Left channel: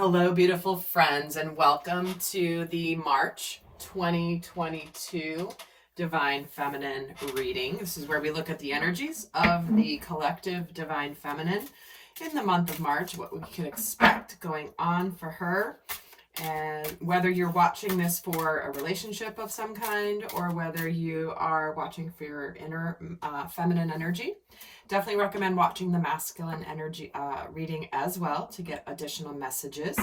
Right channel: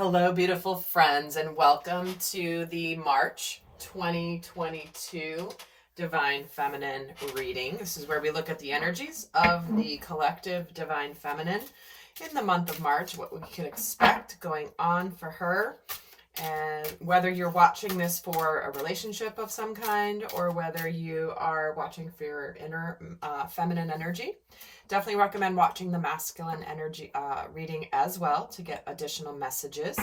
Hello, beautiful friends, and welcome to the March 2022 Divine Feminine reading. This is where we look at the energies of the collective Divine Feminine in the month of March, what we can expect going on for her, and whether you're watching this for a relationship of some kind or whether you are watching for your inner feminine energy. Definitely recommend watching the masculine energy reading as well to get additional messages.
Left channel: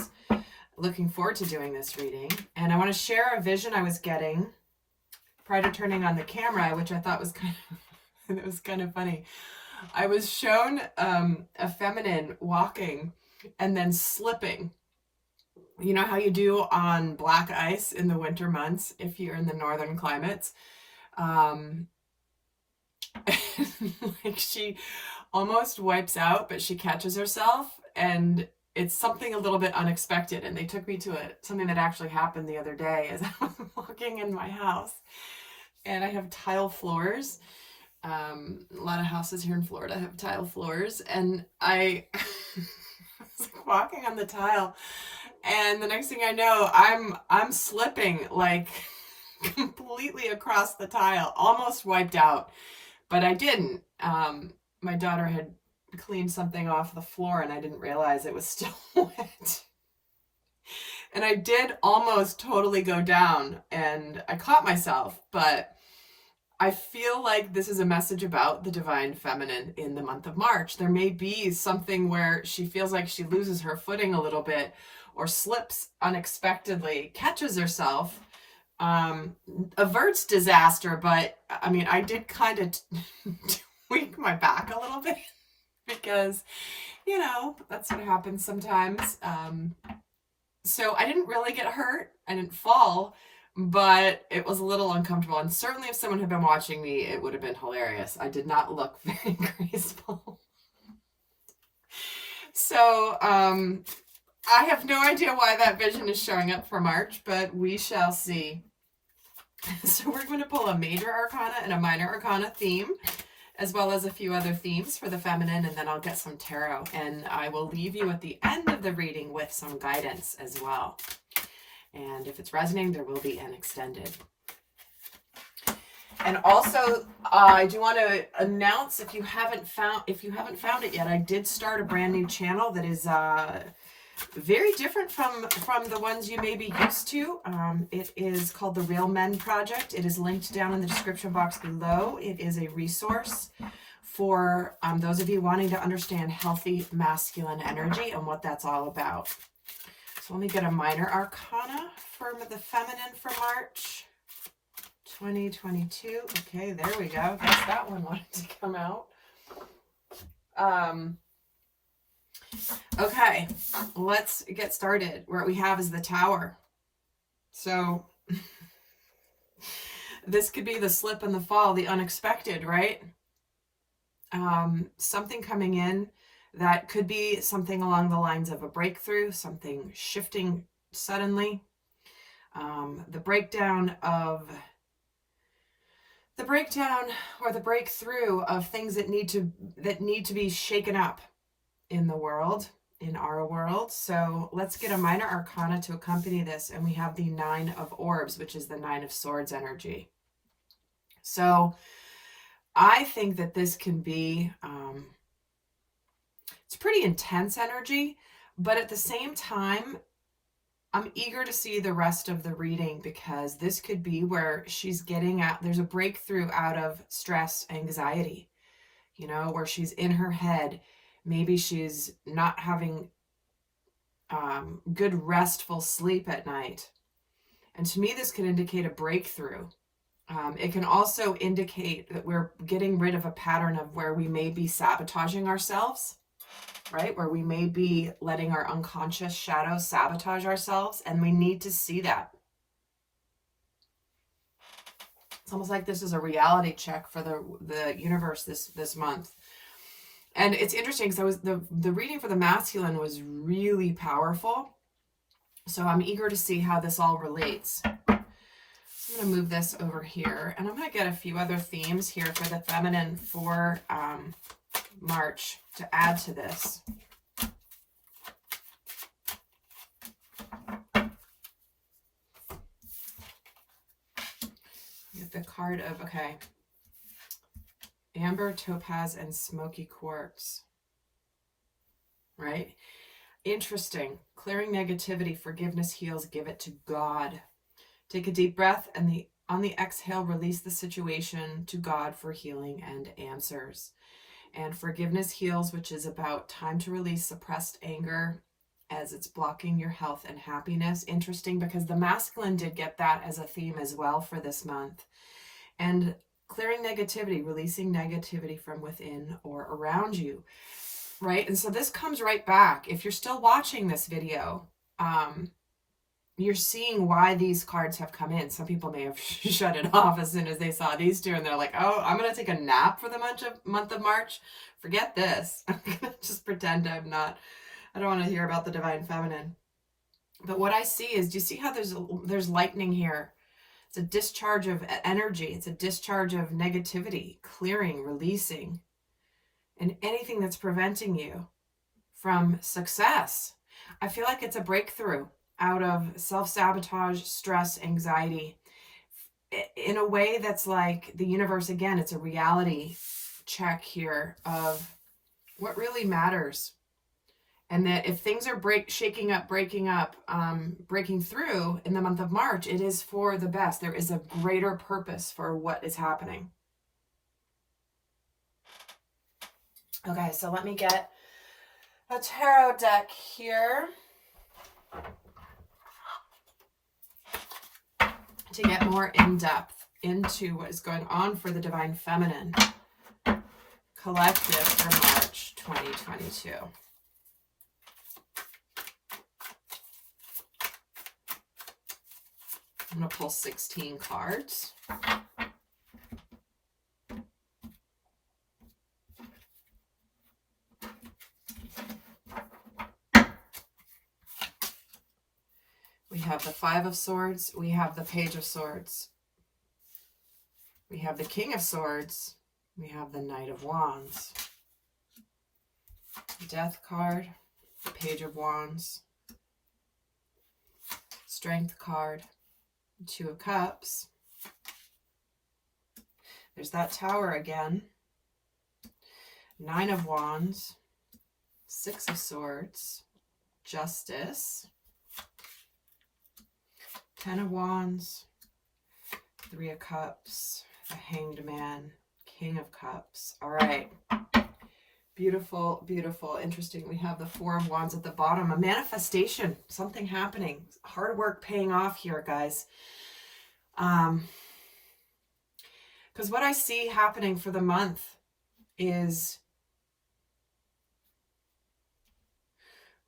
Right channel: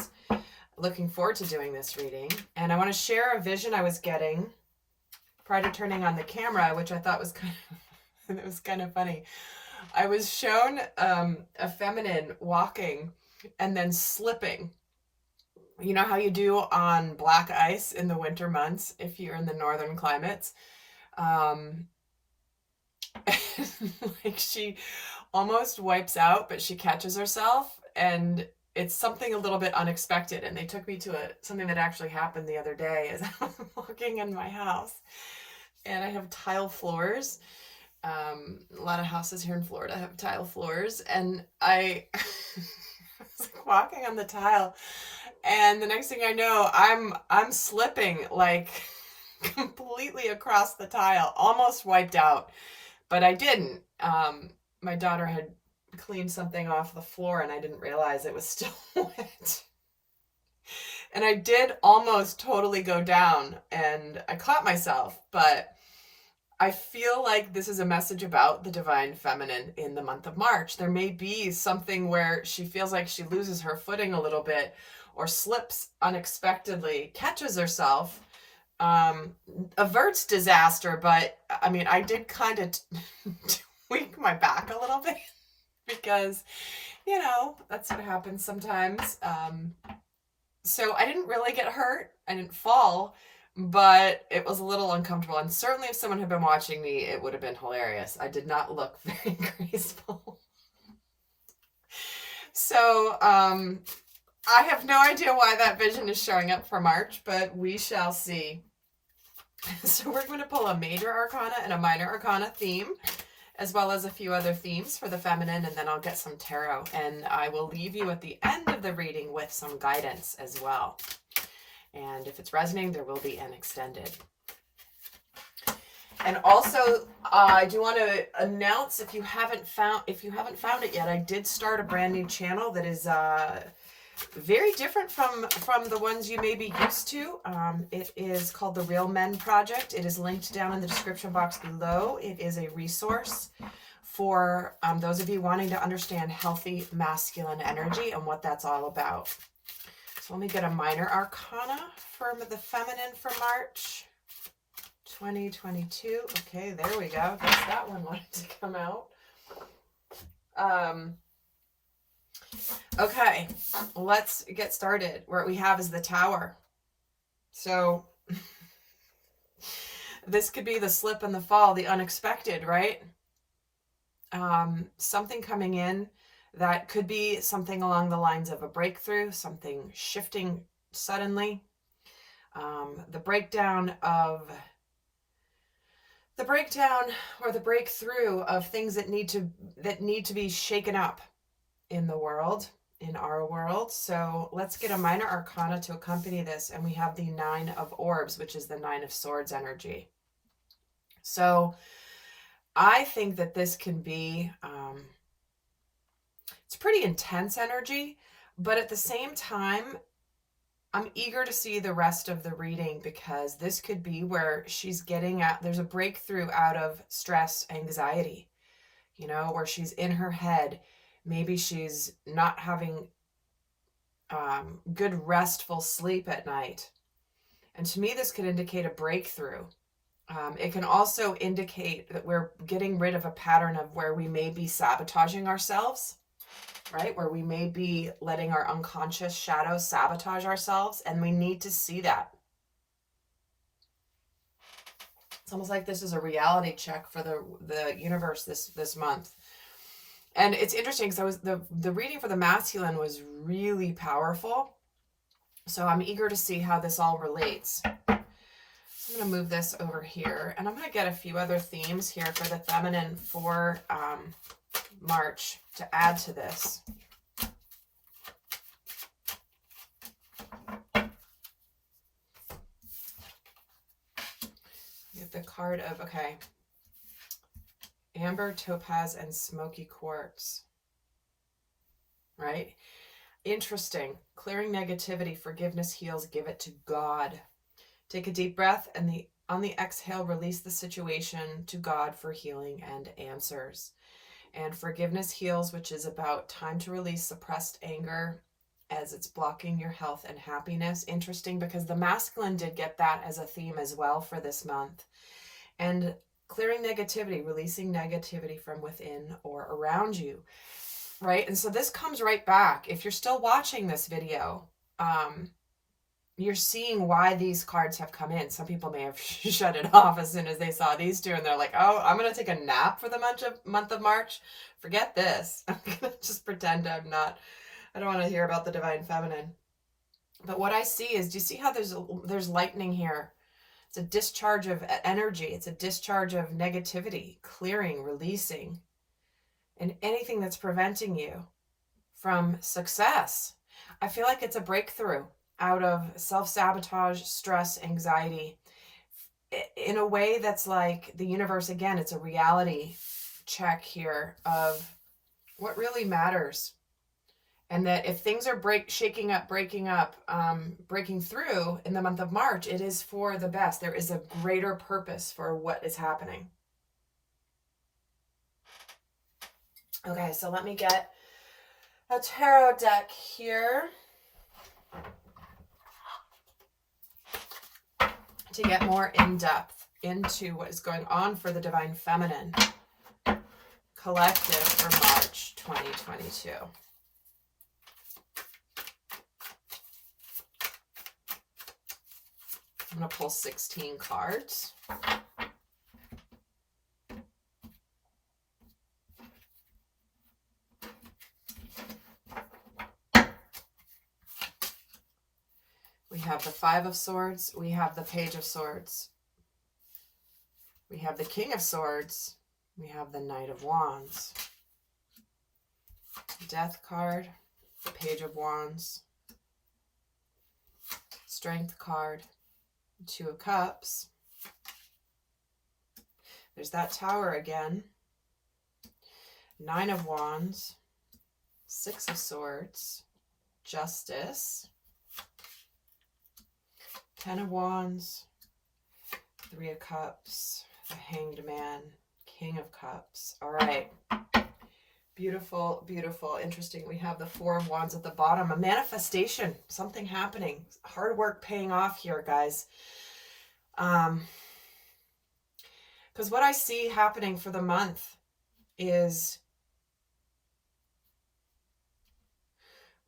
Looking forward to doing this reading. And I want to share a vision I was getting prior to turning on the camera, which I thought was kind of funny. I was shown a feminine walking and then slipping. You know how you do on black ice in the winter months if you're in the northern climates? Like she almost wipes out, but she catches herself, and it's something a little bit unexpected. And they took me to something that actually happened the other day as I was walking in my house, and I have tile floors. A lot of houses here in Florida have tile floors, and I was walking on the tile, and the next thing I know, I'm slipping like completely across the tile, almost wiped out. But I didn't. My daughter had cleaned something off the floor and I didn't realize it was still wet. And I did almost totally go down and I caught myself, but I feel like this is a message about the Divine Feminine in the month of March. There may be something where she feels like she loses her footing a little bit or slips unexpectedly, catches herself, averts disaster, but I mean, I did kind of tweak my back a little bit because, you know, that's what happens sometimes. So I didn't really get hurt. I didn't fall, but it was a little uncomfortable. And certainly if someone had been watching me, it would have been hilarious. I did not look very graceful. So, I have no idea why that vision is showing up for March, but we shall see. So we're going to pull a major arcana and a minor arcana theme, as well as a few other themes for the feminine, and then I'll get some tarot. And I will leave you at the end of the reading with some guidance as well. And if it's resonating, there will be an extended. And also, I do want to announce, if you haven't found it yet, I did start a brand new channel that is very different from the ones you may be used to. It is called the Real Men Project. It is linked down in the description box below. It is a resource for those of you wanting to understand healthy masculine energy and what that's all about. So let me get a minor arcana for the feminine for March 2022. Okay, there we go. Guess that one wanted to come out. Okay, let's get started. What we have is the Tower. So this could be the slip and the fall, the unexpected, right? Something coming in that could be something along the lines of a breakthrough, something shifting suddenly. The breakdown or the breakthrough of things that need to be shaken up in the world, in our world. So let's get a minor arcana to accompany this, and we have the Nine of Orbs, which is the Nine of Swords energy. So I think that this can be it's pretty intense energy, but at the same time I'm eager to see the rest of the reading, because this could be where she's getting at, there's a breakthrough out of stress, anxiety, you know, where she's in her head. Maybe she's not having good restful sleep at night. And to me, this could indicate a breakthrough. It can also indicate that we're getting rid of a pattern of where we may be sabotaging ourselves, right? Where we may be letting our unconscious shadows sabotage ourselves, and we need to see that. It's almost like this is a reality check for the universe this month. And it's interesting because the reading for the masculine was really powerful. So I'm eager to see how this all relates. So I'm going to move this over here, and I'm going to get a few other themes here for the feminine for March to add to this. the card of, okay, amber, topaz, and smoky quartz, right? Interesting. Clearing negativity, forgiveness heals, give it to God. Take a deep breath, and on the exhale, release the situation to God for healing and answers. And forgiveness heals, which is about time to release suppressed anger as it's blocking your health and happiness. Interesting, because the masculine did get that as a theme as well for this month. And clearing negativity, releasing negativity from within or around you, right? And so this comes right back. If you're still watching this video, you're seeing why these cards have come in. Some people may have shut it off as soon as they saw these two, and they're like, oh, I'm going to take a nap for the month of March. Forget this. I'm going to just pretend I don't want to hear about the divine feminine. But what I see is, do you see how there's lightning here? It's a discharge of energy. It's a discharge of negativity, clearing, releasing, and anything that's preventing you from success. I feel like it's a breakthrough out of self-sabotage, stress, anxiety, in a way that's like the universe, again, it's a reality check here of what really matters. And that if things are breaking through in the month of March, it is for the best. There is a greater purpose for what is happening. Okay, so let me get a tarot deck here to get more in depth into what is going on for the divine feminine collective for March 2022. I'm going to pull 16 cards. We have the Five of Swords. We have the Page of Swords. We have the King of Swords. We have the Knight of Wands. Death card. The Page of Wands. Strength card. Two of Cups. There's that Tower again. Nine of Wands. Six of Swords. Justice. 10 of Wands, 3 of Cups, the Hanged Man, King of Cups. All right. Beautiful, beautiful, interesting. We have the 4 of Wands at the bottom. A manifestation, something happening. Hard work paying off here, guys. Because what I see happening for the month is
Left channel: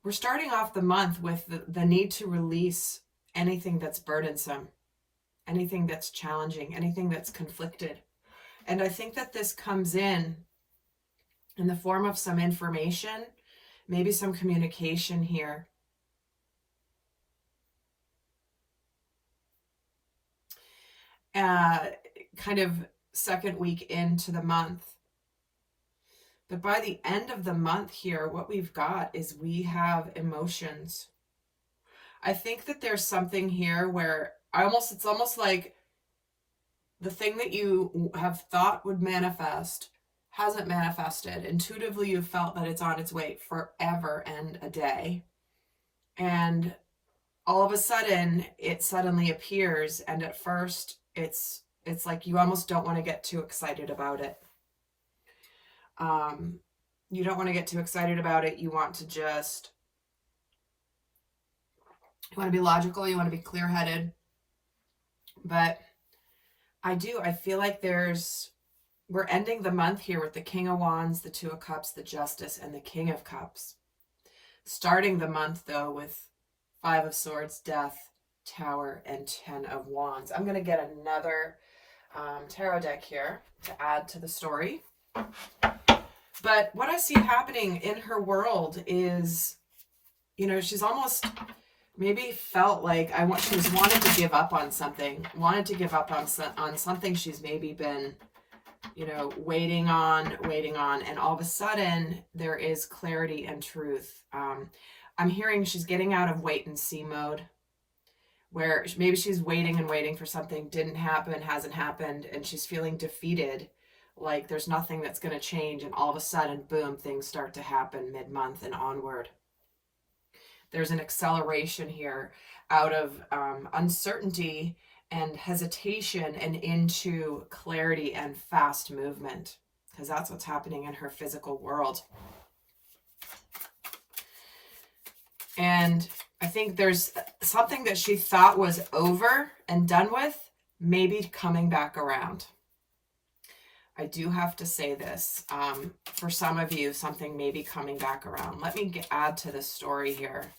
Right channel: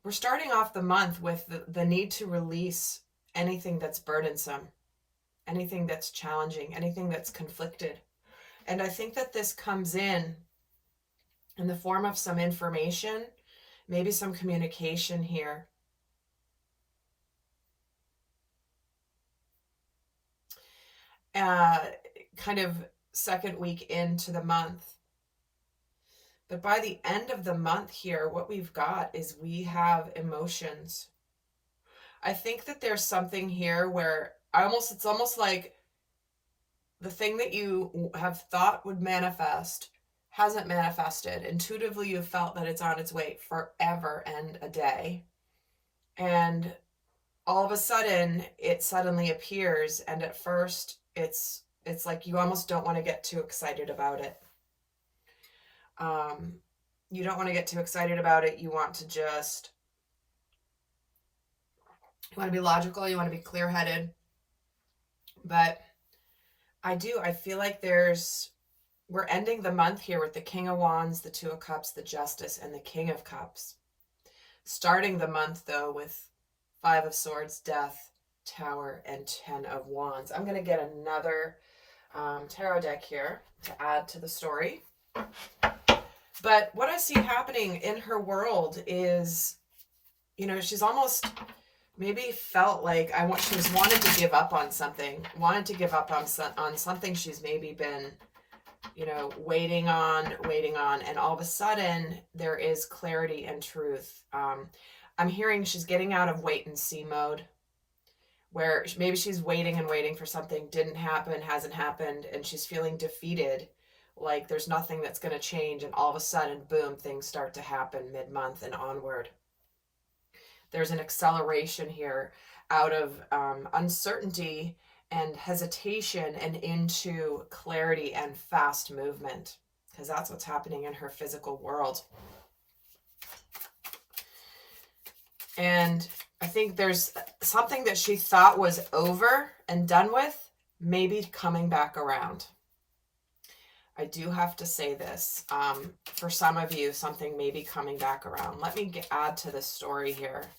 we're starting off the month with the need to release anything that's burdensome, anything that's challenging, anything that's conflicted. And I think that this comes in the form of some information, maybe some communication here. Kind of second week into the month. But by the end of the month here, what we've got is we have emotions. I think that there's something here where it's almost like the thing that you have thought would manifest hasn't manifested. Intuitively, you felt that it's on its way forever and a day. And all of a sudden, it suddenly appears. And at first, it's like you almost don't want to get too excited about it. You don't want to get too excited about it. You want to just... You want to be logical, you want to be clear-headed. But I feel like we're ending the month here with the King of Wands, the 2 of Cups, the Justice, and the King of Cups. Starting the month, though, with 5 of Swords, Death, Tower, and 10 of Wands. I'm going to get another tarot deck here to add to the story. But what I see happening in her world is, she's almost... maybe felt like she's wanted to give up on something, on something she's maybe been, waiting on, and all of a sudden there is clarity and truth. I'm hearing she's getting out of wait and see mode, where maybe she's waiting and waiting for something, didn't happen, hasn't happened, and she's feeling defeated, like there's nothing that's going to change, and all of a sudden, boom, things start to happen mid-month and onward. There's an acceleration here out of uncertainty and hesitation and into clarity and fast movement, because that's what's happening in her physical world. And I think there's something that she thought was over and done with, maybe coming back around. I do have to say this. For some of you, something may be coming back around. Let me add to the story here.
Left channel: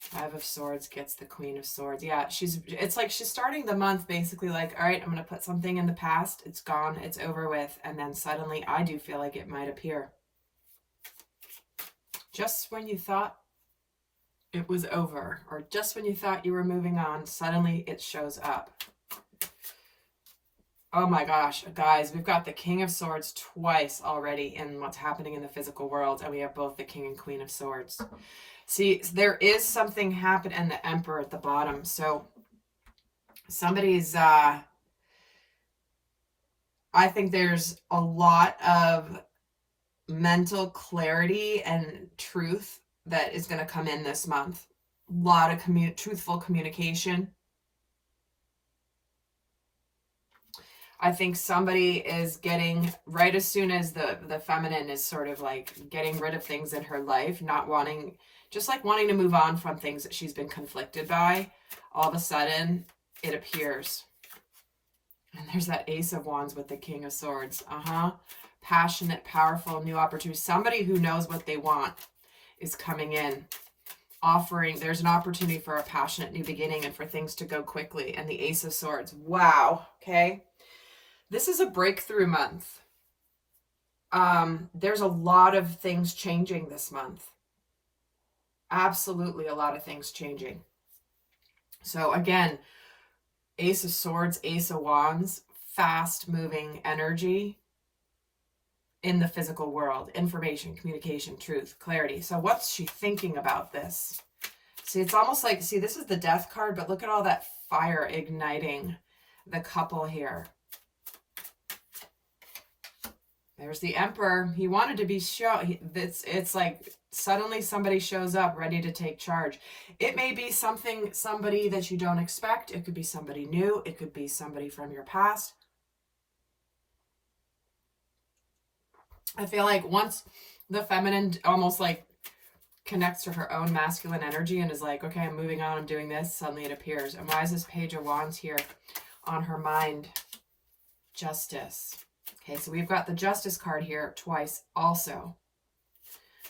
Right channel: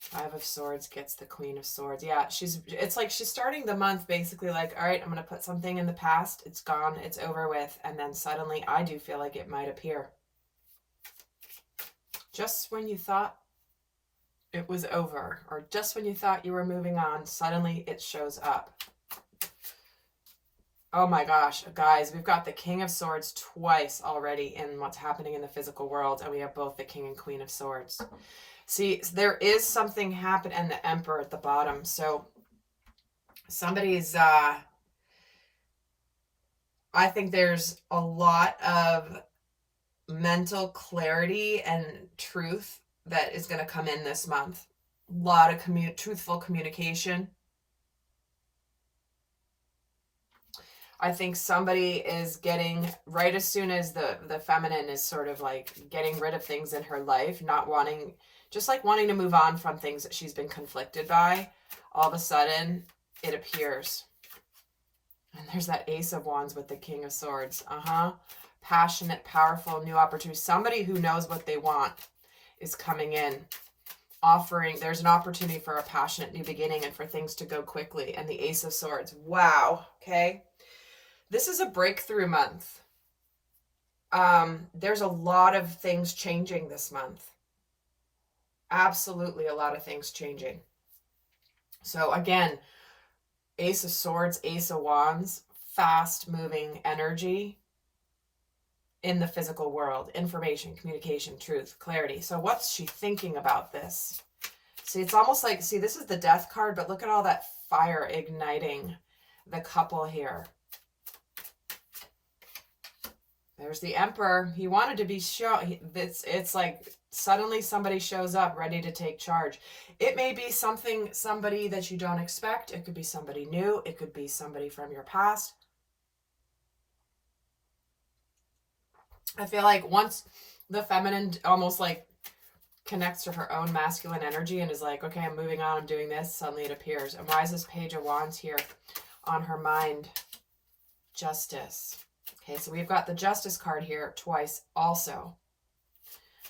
Five of Swords gets the Queen of Swords. Yeah, it's like she's starting the month basically like, all right, I'm going to put something in the past. It's gone. It's over with. And then suddenly I do feel like it might appear. Just when you thought it was over, or just when you thought you were moving on, suddenly it shows up. Oh my gosh, guys, we've got the King of Swords twice already in what's happening in the physical world, and we have both the King and Queen of Swords. See, there is something happening, and the Emperor at the bottom. So somebody's, I think there's a lot of mental clarity and truth that is going to come in this month. A lot of truthful communication. I think somebody is getting, right as soon as the feminine is sort of like getting rid of things in her life, not wanting, just like wanting to move on from things that she's been conflicted by, all of a sudden it appears. And there's that Ace of Wands with the King of Swords. Passionate, powerful, new opportunity. Somebody who knows what they want is coming in, offering, there's an opportunity for a passionate new beginning and for things to go quickly. And the Ace of Swords. Wow. Okay. This is a breakthrough month. There's a lot of things changing this month. Absolutely a lot of things changing. So again, Ace of Swords, Ace of Wands, fast moving energy in the physical world. Information, communication, truth, clarity. So what's she thinking about this? See, it's almost like, see, this is the Death card, but look at all that fire igniting the couple here. There's the Emperor. He wanted to be shown. It's like suddenly somebody shows up ready to take charge. It may be somebody that you don't expect. It could be somebody new. It could be somebody from your past. I feel like once the feminine almost like connects to her own masculine energy and is like, okay, I'm moving on, I'm doing this, suddenly it appears. And why is this Page of Wands here on her mind? Justice. Okay, so we've got the Justice card here twice also.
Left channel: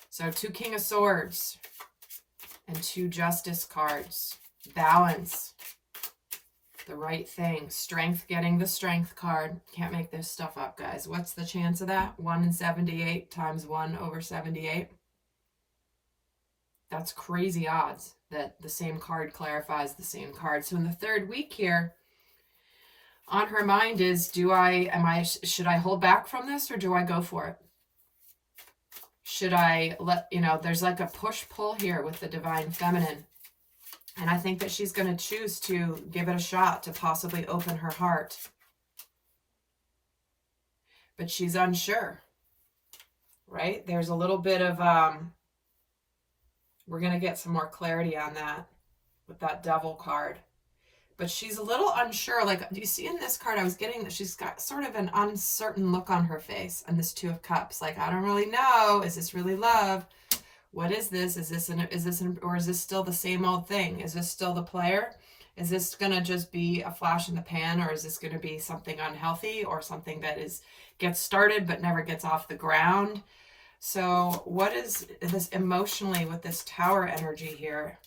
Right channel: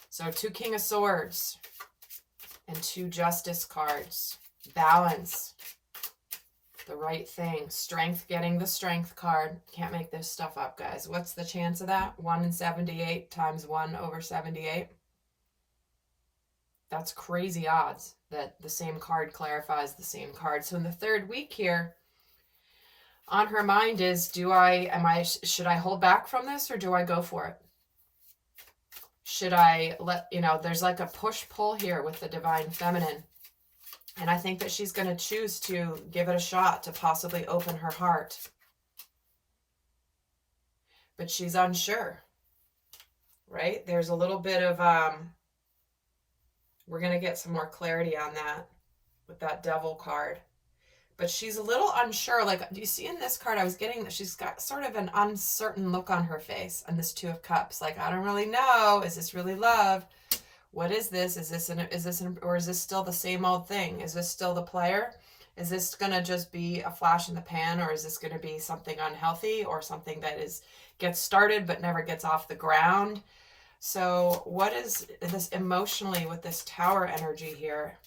So 2 King of Swords and 2 Justice cards. Balance. The right thing. Strength, getting the Strength card. Can't make this stuff up, guys. What's the chance of that? 1 in 78 times 1 over 78. That's crazy odds that the same card clarifies the same card. So in the third week here, on her mind is, should I hold back from this or do I go for it? Should I there's like a push-pull here with the Divine Feminine. And I think that she's going to choose to give it a shot to possibly open her heart. But she's unsure, right? There's a little bit of, we're going to get some more clarity on that with that Devil card. But she's a little unsure. Like, do you see in this card, I was getting that she's got sort of an uncertain look on her face. And this 2 of Cups, like, I don't really know. Is this really love? What is this? Or is this still the same old thing? Is this still the player? Is this going to just be a flash in the pan, or is this going to be something unhealthy or something that gets started but never gets off the ground? So what is this emotionally with this Tower energy here?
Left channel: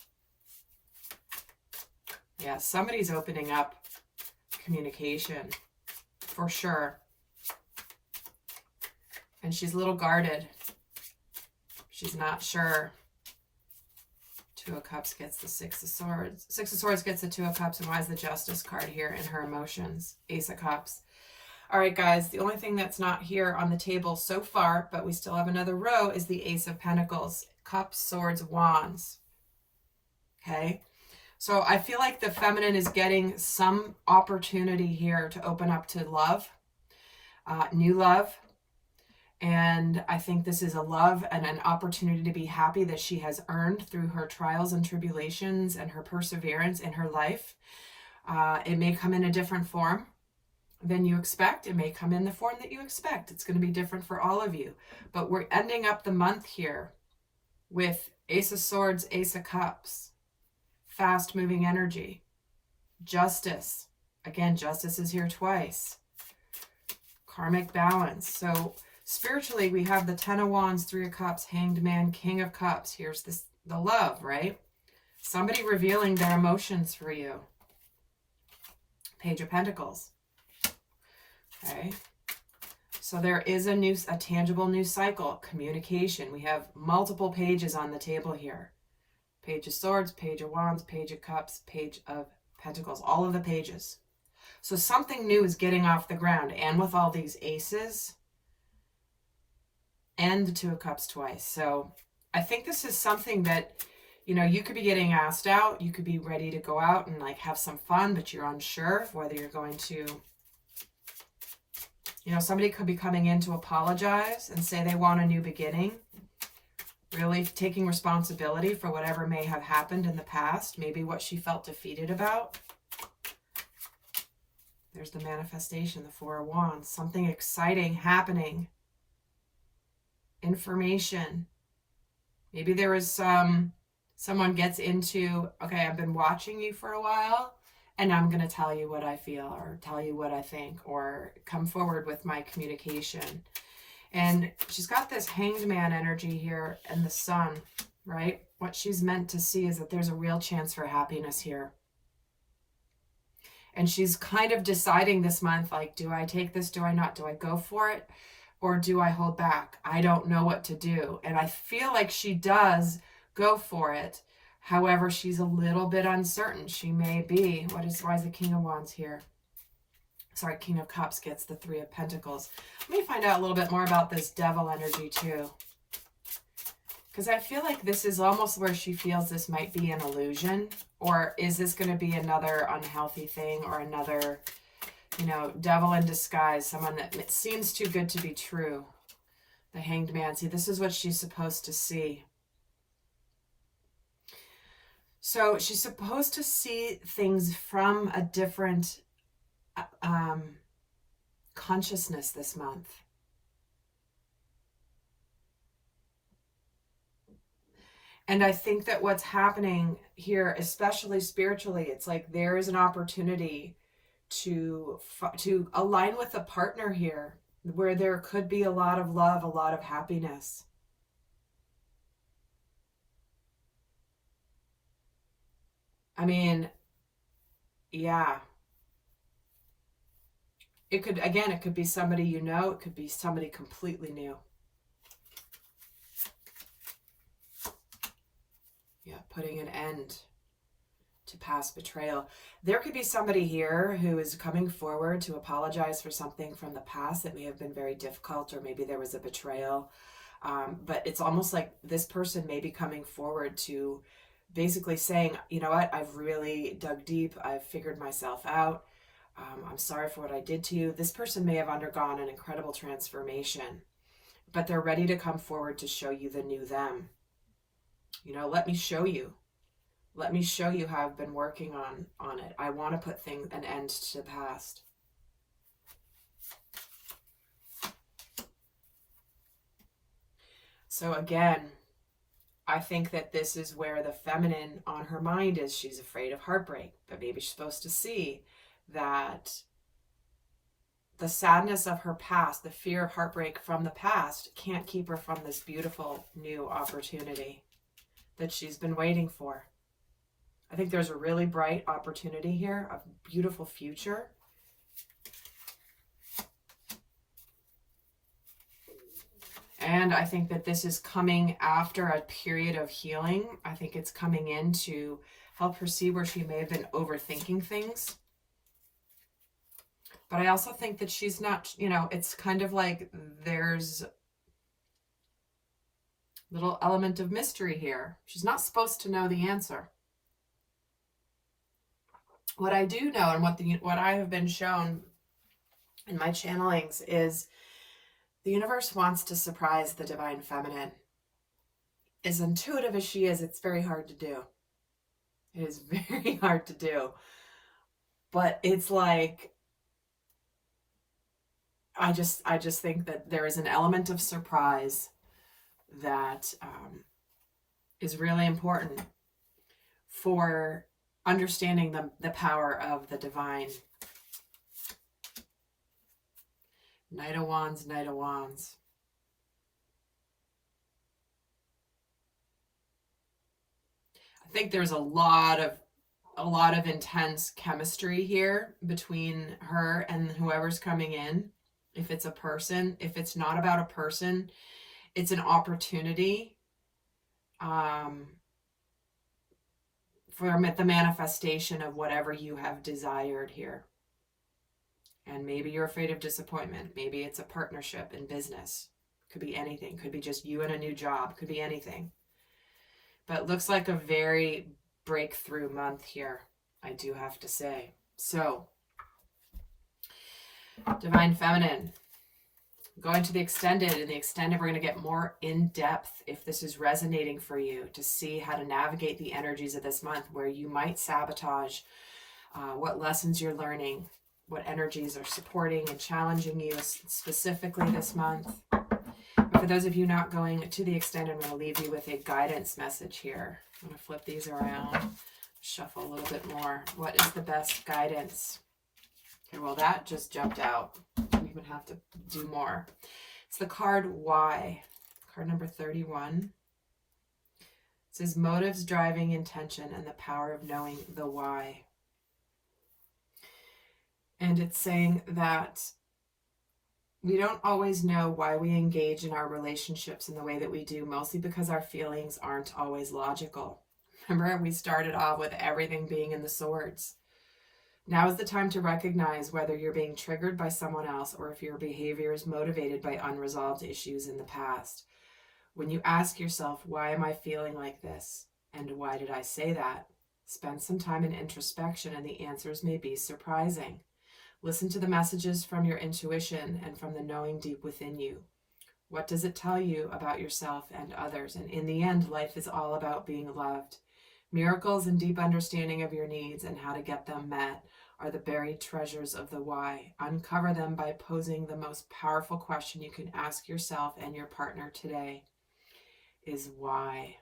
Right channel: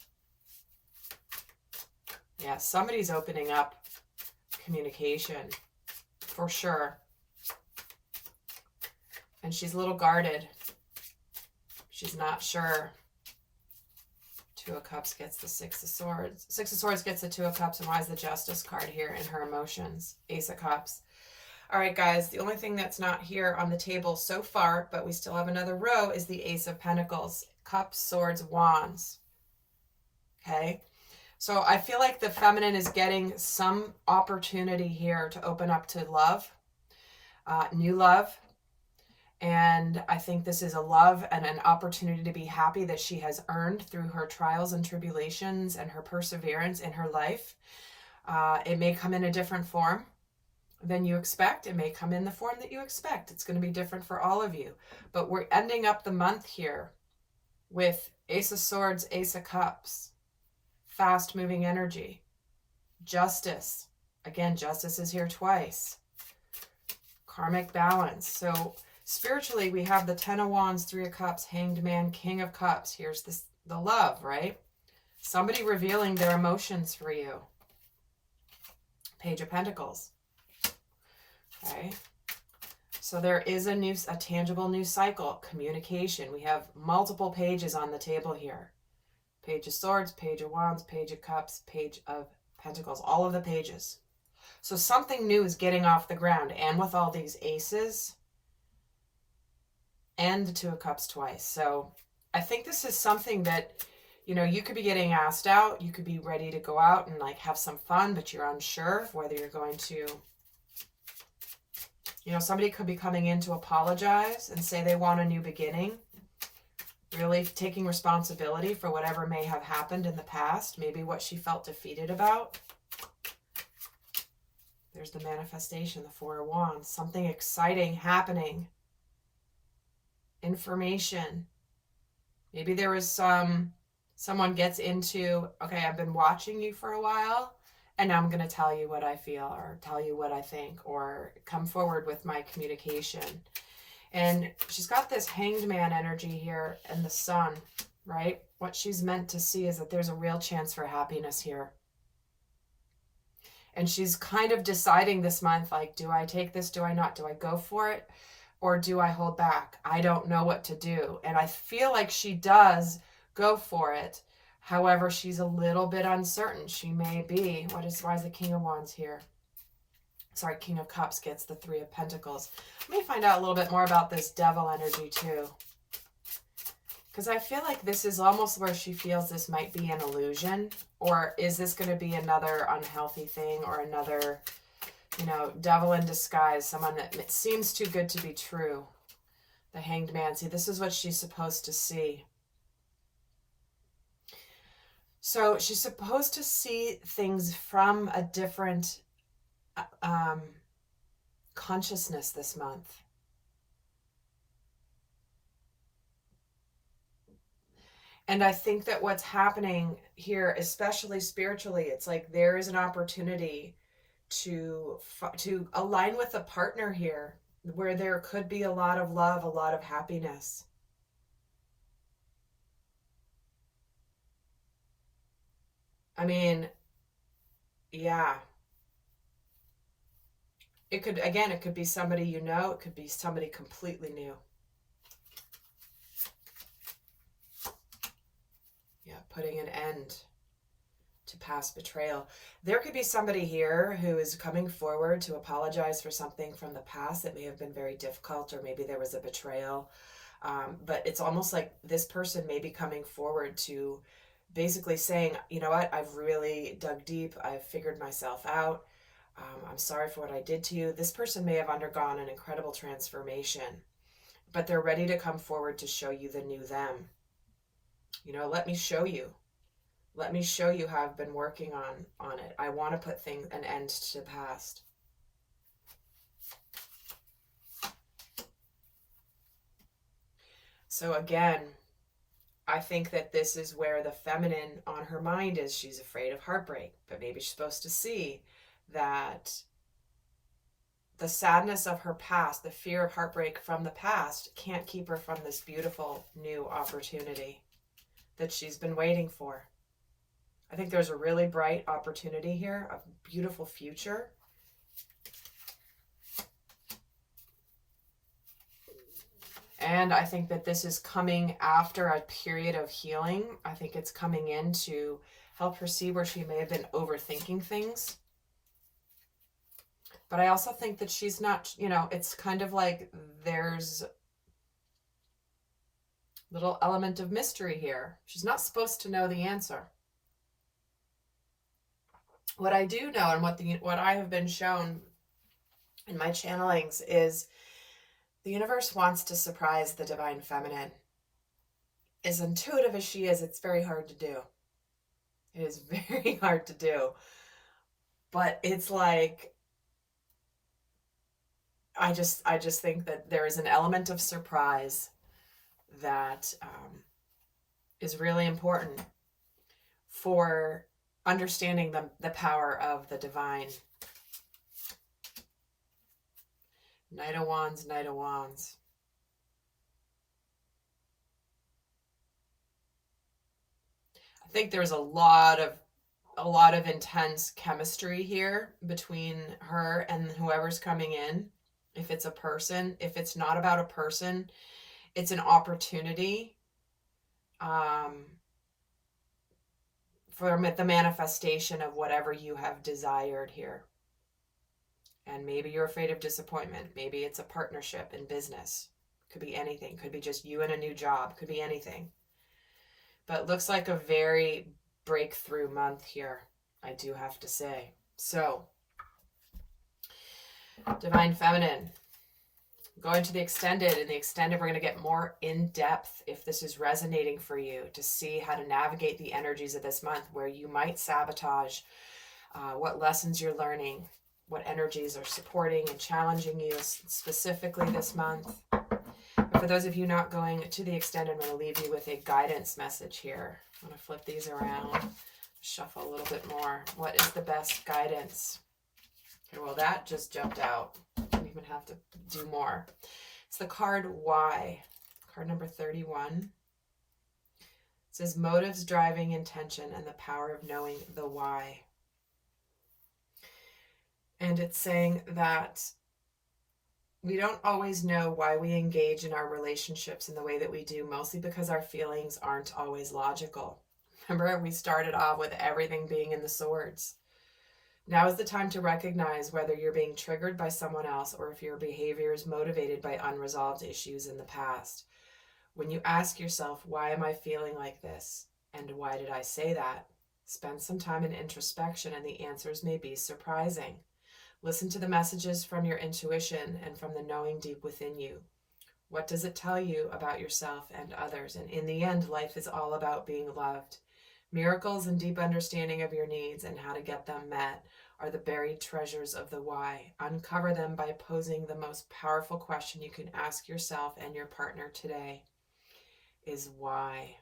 Yeah, somebody's opening up communication for sure. And she's a little guarded. She's not sure. 2 of Cups gets the 6 of Swords. 6 of Swords gets the 2 of Cups. And why is the Justice card here in her emotions? Ace of Cups. All right, guys, the only thing that's not here on the table so far, but we still have another row, is the Ace of Pentacles, Cups, Swords, Wands. Okay, so I feel like the feminine is getting some opportunity here to open up to love, new love. And I think this is a love and an opportunity to be happy that she has earned through her trials and tribulations and her perseverance in her life. It may come in a different form than you expect. It may come in the form that you expect. It's going to be different for all of you. But we're ending up the month here with Ace of Swords, Ace of Cups, fast moving energy, justice. Again, justice is here twice. Karmic balance. So spiritually, we have the Ten of Wands, Three of Cups, Hanged Man, King of Cups. Here's this, the love, right? Somebody revealing their emotions for you. Page of Pentacles. Okay. So there is a tangible new cycle, communication. We have multiple pages on the table here. Page of Swords, Page of Wands, Page of Cups, Page of Pentacles, all of the pages. So something new is getting off the ground, and with all these aces and the Two of Cups twice. So I think this is something that, you know, you could be getting asked out. You could be ready to go out and like have some fun, but you're unsure of whether you're going to, you know, somebody could be coming in to apologize and say they want a new beginning. Really taking responsibility for whatever may have happened in the past. Maybe what she felt defeated about. There's the manifestation, the Four of Wands. Something exciting happening. Information. Maybe there was someone gets into, okay, I've been watching you for a while, and now I'm going to tell you what I feel, or tell you what I think, or come forward with my communication. And she's got this Hanged Man energy here and the Sun, right? What she's meant to see is that there's a real chance for happiness here. And she's kind of deciding this month, like, do I take this? Do I not? Do I go for it? Or do I hold back? I don't know what to do. And I feel like she does go for it. However, she's a little bit uncertain. She may be, why is the King of Wands here? Sorry, King of Cups gets the Three of Pentacles. Let me find out a little bit more about this Devil energy too. Because I feel like this is almost where she feels this might be an illusion. Or is this going to be another unhealthy thing, or another, you know, devil in disguise, someone that it seems too good to be true. The Hanged Man. See, this is what she's supposed to see. So she's supposed to see things from a different consciousness this month. And I think that what's happening here, especially spiritually, it's like there is an opportunity to align with a partner here where there could be a lot of love, a lot of happiness. I mean, yeah. It could, again, it could be somebody you know. It could be somebody completely new. Yeah, putting an end to past betrayal. There could be somebody here who is coming forward to apologize for something from the past that may have been very difficult, or maybe there was a betrayal. But it's almost like this person may be coming forward to basically saying, you know what, I've really dug deep. I've figured myself out. I'm sorry for what I did to you. This person may have undergone an incredible transformation, but they're ready to come forward to show you the new them. You know, let me show you. Let me show you how I've been working on it. I want to put an end to the past. So again, I think that this is where the feminine on her mind is. She's afraid of heartbreak, but maybe she's supposed to see that the sadness of her past, the fear of heartbreak from the past, can't keep her from this beautiful new opportunity that she's been waiting for. I think there's a really bright opportunity here, a beautiful future. And I think that this is coming after a period of healing. I think it's coming in to help her see where she may have been overthinking things. But I also think that she's not, you know, it's kind of like there's little element of mystery here. She's not supposed to know the answer. What I do know, and what I have been shown in my channelings, is the universe wants to surprise the divine feminine. As intuitive as she is, it's very hard to do. It is very hard to do. But it's like, I just think that there is an element of surprise that is really important for understanding the power of the divine. Knight of Wands, Knight of Wands. I think there's a lot of intense chemistry here between her and whoever's coming in. If it's a person, if it's not about a person, it's an opportunity for the manifestation of whatever you have desired here. And maybe you're afraid of disappointment. Maybe it's a partnership in business. Could be anything. Could be just you and a new job. Could be anything. But it looks like a very breakthrough month here, I do have to say. So, Divine Feminine, going to the extended. In the extended, we're going to get more in depth, if this is resonating for you, to see how to navigate the energies of this month where you might sabotage, what lessons you're learning, what energies are supporting and challenging you specifically this month. But for those of you not going to the extended, I'm going to leave you with a guidance message here. I'm going to flip these around, shuffle a little bit more. What is the best guidance? Okay, well, that just jumped out. Don't even have to do more. It's the card Why, card number 31. It says motives, driving intention, and the power of knowing the why. And it's saying that we don't always know why we engage in our relationships in the way that we do, mostly because our feelings aren't always logical. Remember, we started off with everything being in the swords. Now is the time to recognize whether you're being triggered by someone else or if your behavior is motivated by unresolved issues in the past. When you ask yourself, why am I feeling like this? And why did I say that? Spend some time in introspection and the answers may be surprising. Listen to the messages from your intuition and from the knowing deep within you. What does it tell you about yourself and others? And in the end, life is all about being loved. Miracles and deep understanding of your needs and how to get them met are the buried treasures of the why. Uncover them by posing the most powerful question you can ask yourself and your partner today is why.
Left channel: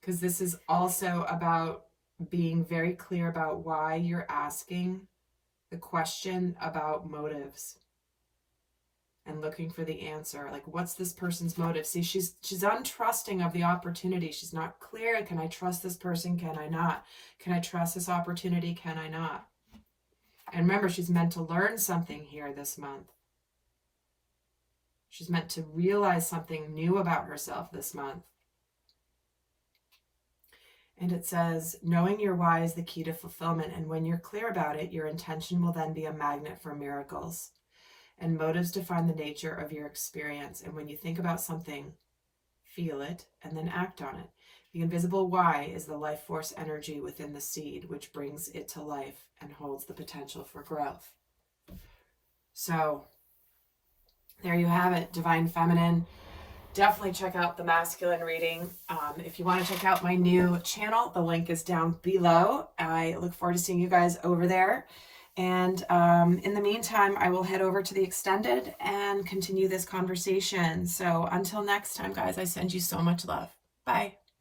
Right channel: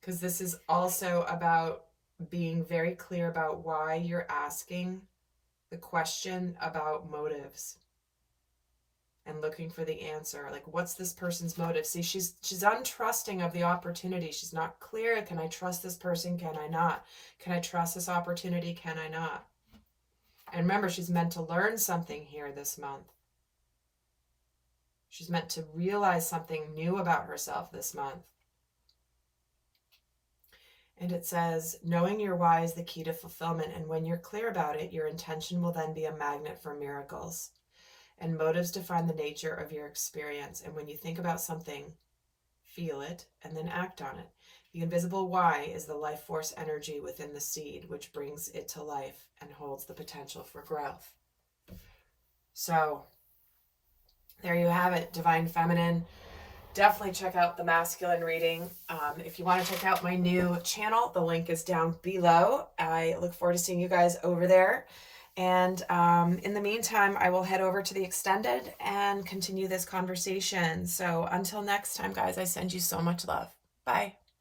Because this is also about being very clear about why you're asking the question about motives and looking for the answer. Like, what's this person's motive? See, she's untrusting of the opportunity. She's not clear. Can I trust this person? Can I not? Can I trust this opportunity? Can I not? And remember, she's meant to learn something here this month. She's meant to realize something new about herself this month. And it says, knowing your why is the key to fulfillment. And when you're clear about it, your intention will then be a magnet for miracles. And motives define the nature of your experience. And when you think about something, feel it and then act on it. The invisible why is the life force energy within the seed, which brings it to life and holds the potential for growth. So there you have it, Divine Feminine. Definitely check out the masculine reading. If you want to check out my new channel, the link is down below. I look forward to seeing you guys over there. And in the meantime, I will head over to the extended and continue this conversation. So until next time, guys, I send you so much love. Bye.